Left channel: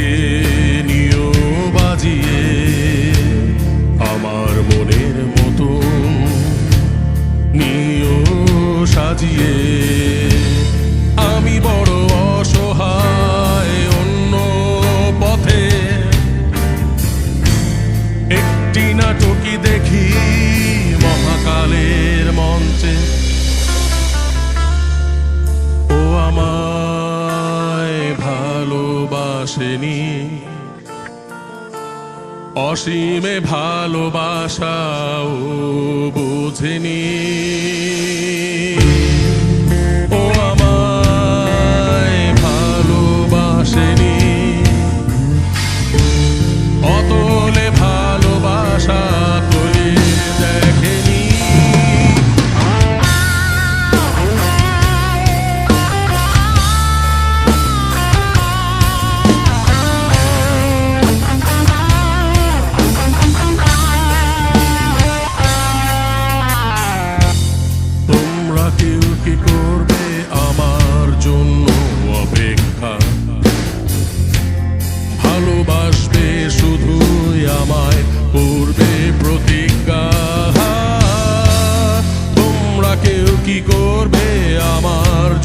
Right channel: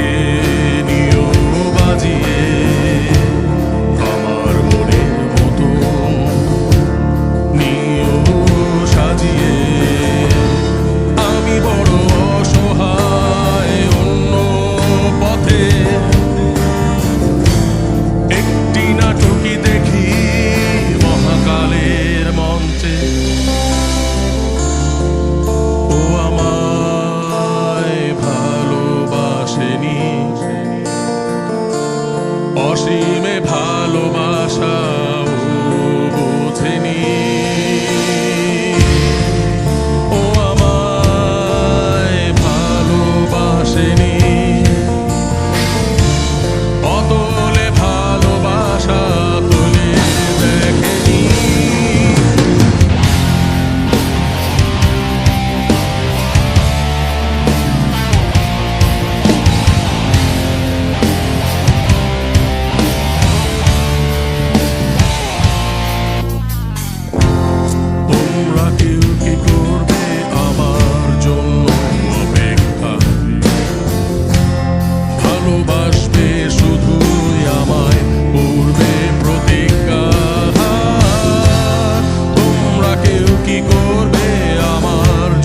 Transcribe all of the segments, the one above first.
নিজেকে নিও বাজিয়ে আমার মনের মতন নিও সাজিয়ে। আমি বড় অসহায় অন্য পথে একটি নাটকই দেখি মহাকালের মঞ্চে। অসীমে ভালোবাসাও বোঝেনি।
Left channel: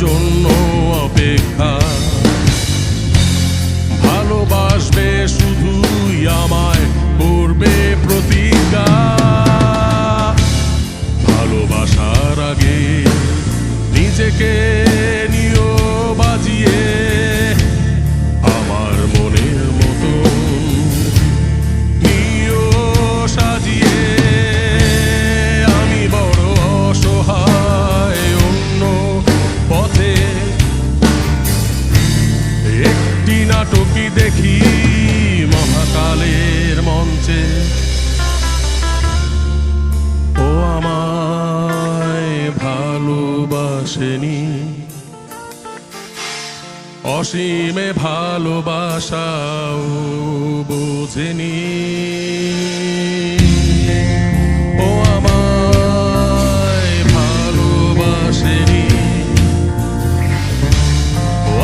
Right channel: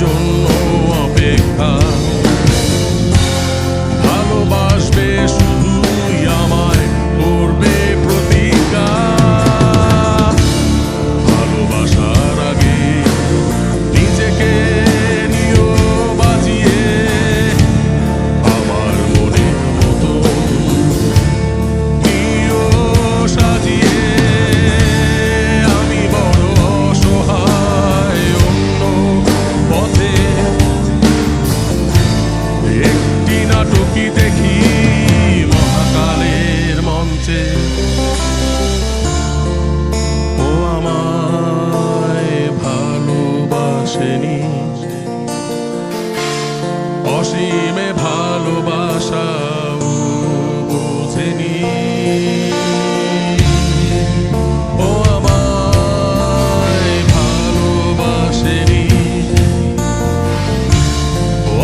জন্য অপেক্ষা অসীমে ভালোবাসাও বুঝিনি। ও আমায় ভালোবাসেনি।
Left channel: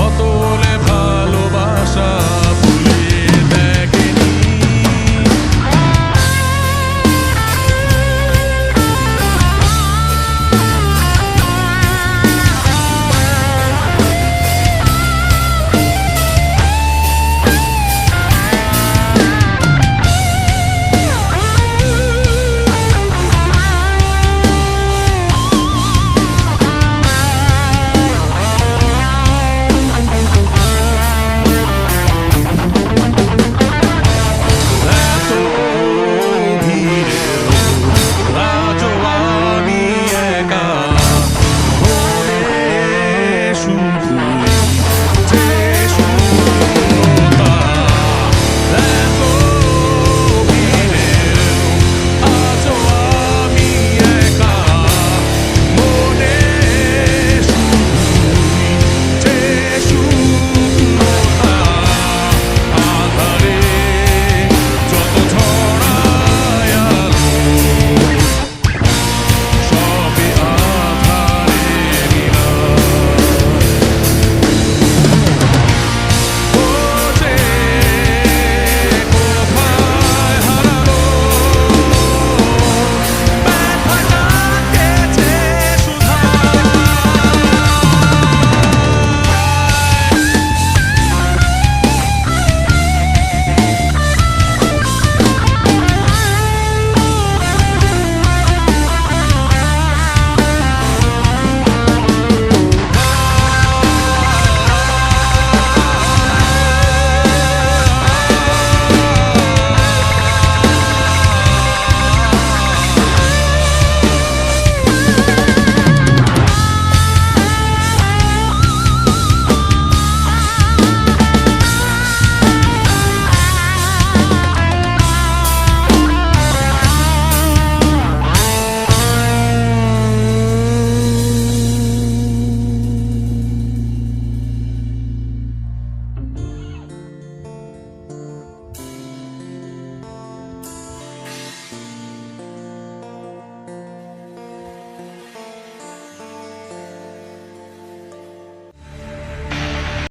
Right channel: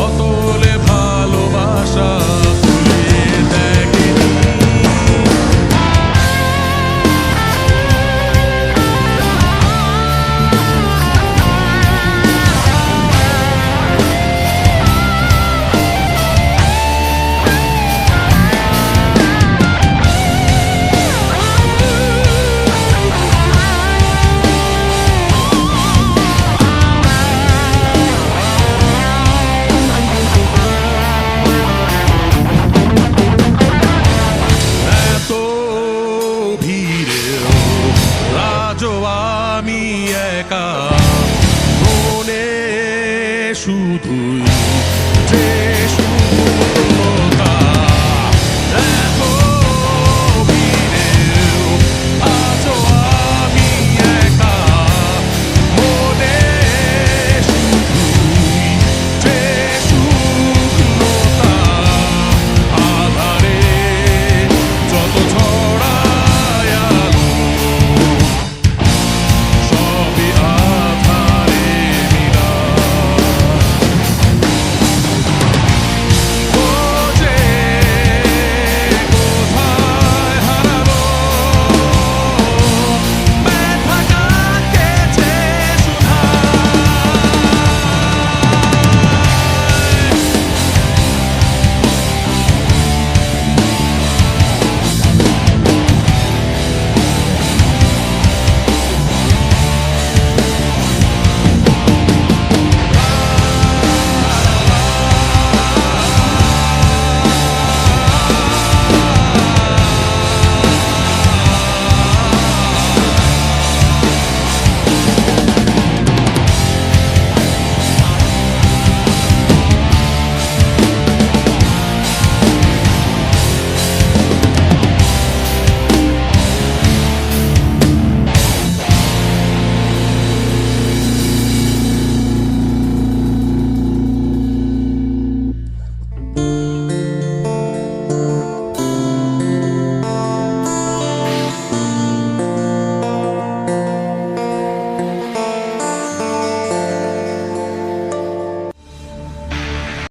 অতলে ভালোবাসা 不。这说。